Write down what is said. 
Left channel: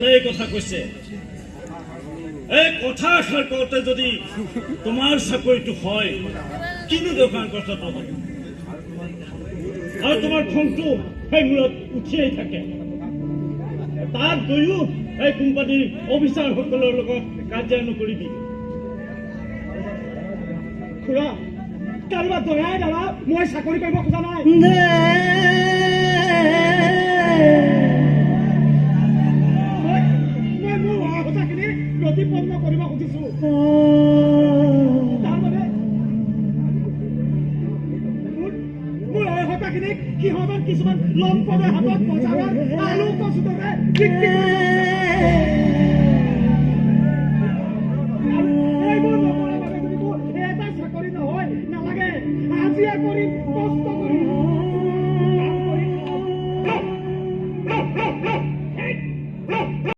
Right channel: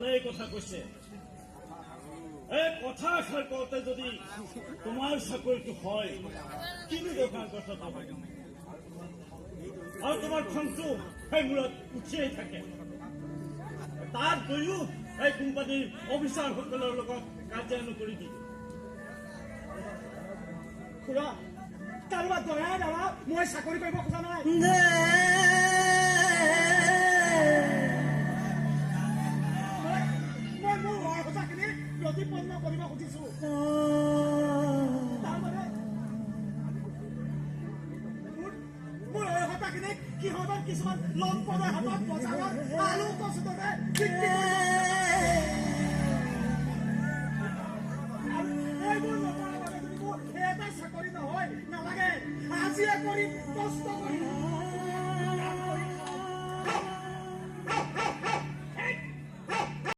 এই কথা কৈছে এই কথা আশাৰ কওঁতে যদি তোমাৰ চাকৰিটো হয় কিনো দোকান কথাটো হয় আৰু তোমাৰ খংটো সেই মূৰত উঠিয়েই থাকে তাত গৈও এই কোম্পানীৰ অফিচাৰসকলৰ লগত কাজিয়া নকৰিবি খুৰা কাৰোবাৰ দয়াই দাদা মই চাকৰি কৰিব খোজা নাই মই মোৰ হোৱা কথাখিনি প্ৰতিপন্ন কৰিব খুজিছো তাৰমানে মোৰ এই কথাখিনিক সিহঁতৰ কিছুমান লম্পদে হাতত বজাৰত আলু কচুতে বিক্ৰী